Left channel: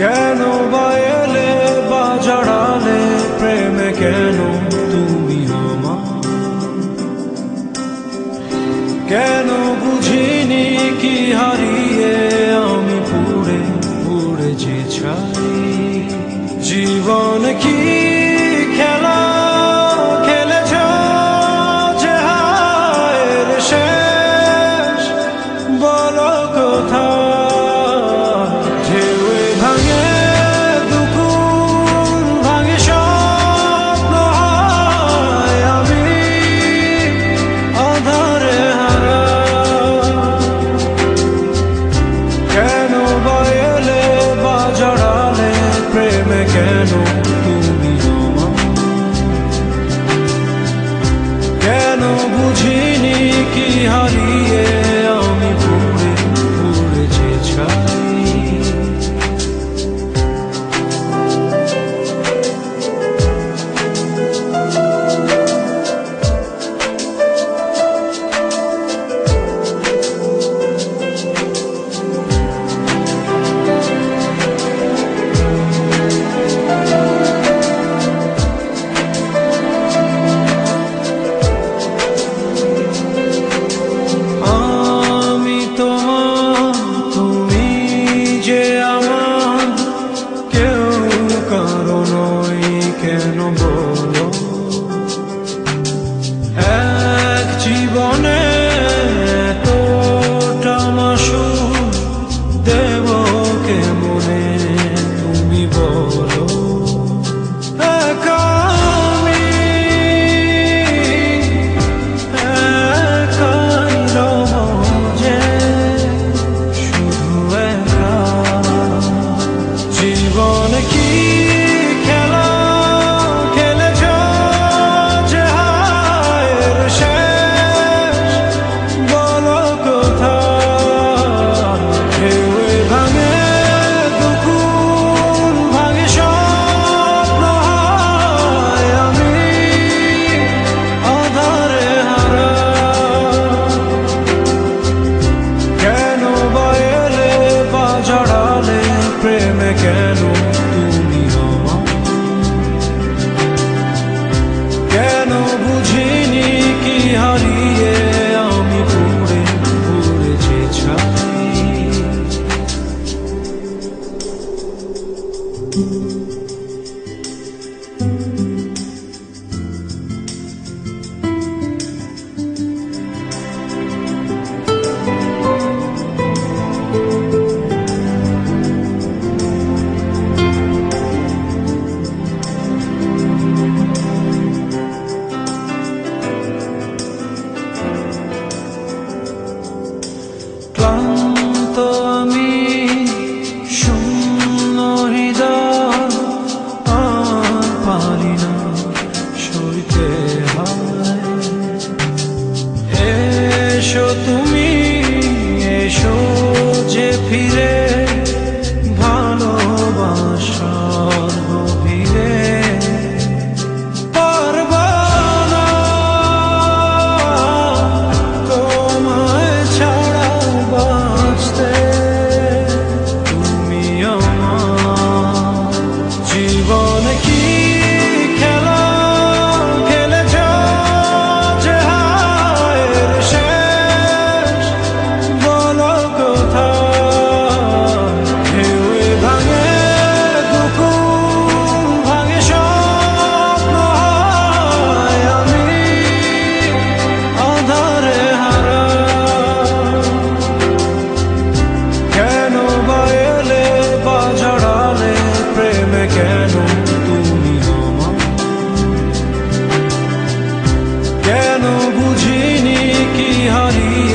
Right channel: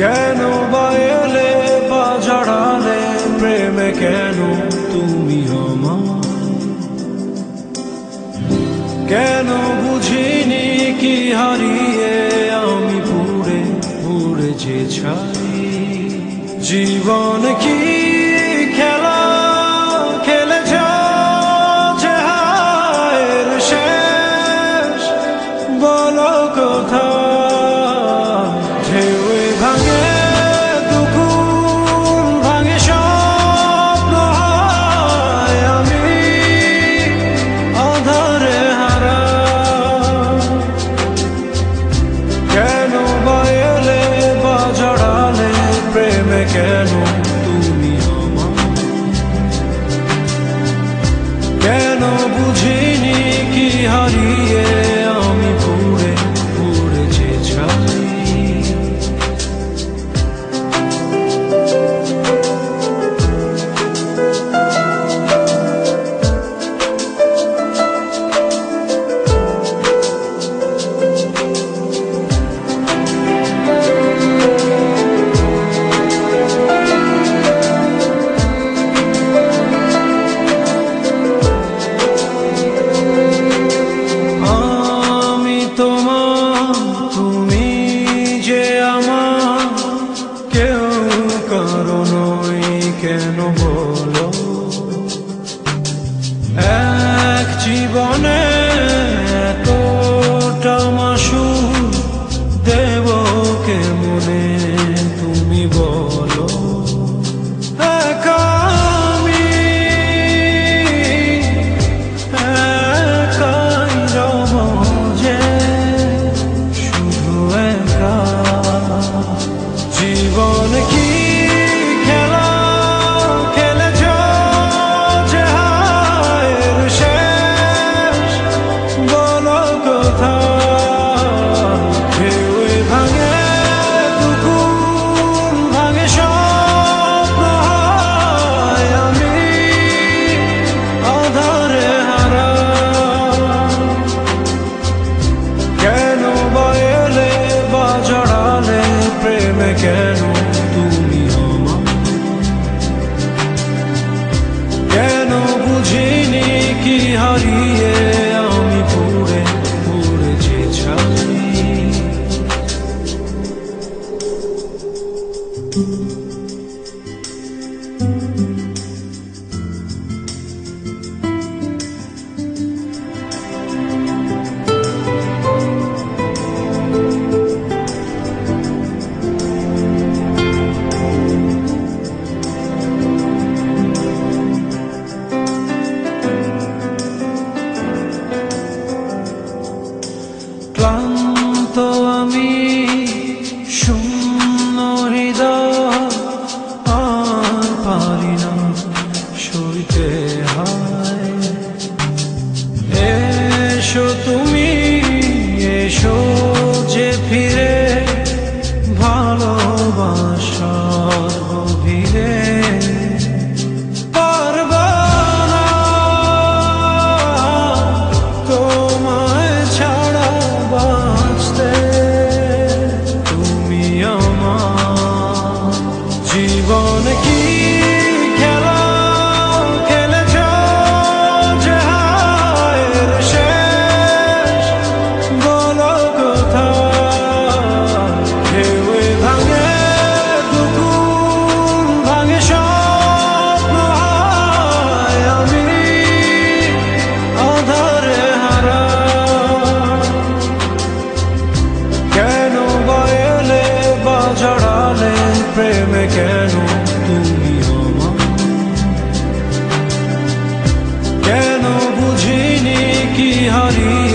কেন বা এলে বা জড়ালে প্রেমে কেন তুমি আমার? কেন বুঝিনি কি হারিয়ে আমি পুড়ে পুড়ে যে ছাই? জীবন কি খেলা খেলেছ যে হায়ের শেষ? বলো কোথায় ঢেউয়ে ভাঙে দুকুল ভাঙে স্বপ্ন হয় আমি আধারে হারা। কেন বা এলে বা জড়ালে প্রেমে কেন তুমি আমার? কেন বুঝিনি কি হারিয়ে আমি পুড়ে পুড়ে যে ছাই? তুমি যে আমার কেউ কারো নয় কেন বলো? এক জীবনে এতটা মাসুর দেব কেমনে তুমি বলো? একাই রব যে জীবন কি খেলা খেলেছ যে হায়ের শেষ? বলো কোথায় ঢেউয়ে ভাঙে দুকুল ভাঙে স্বপ্ন হয় আমি আধারে হারা। কেন বা এলে বা জড়ালে প্রেমে কেন তুমি আমার? কেন বুঝিনি কি হারিয়ে আমি পুড়ে পুড়ে যে ছাই? ক্লান্ত আমি শূন্য হৃদয় আর পারি না সইতে হয়। এসো তুমি এসো যে ফিরে ভালোবাসার গভীরে। জীবন কি খেলা খেলেছ যে হায়ের শেষ? বলো কোথায় ঢেউয়ে ভাঙে দুকুল ভাঙে স্বপ্ন হয় আমি আধারে হারা। কেন বা এলে বা জড়ালে প্রেমে কেন তুমি আমার? কেন বুঝিনি কি হারিয়ে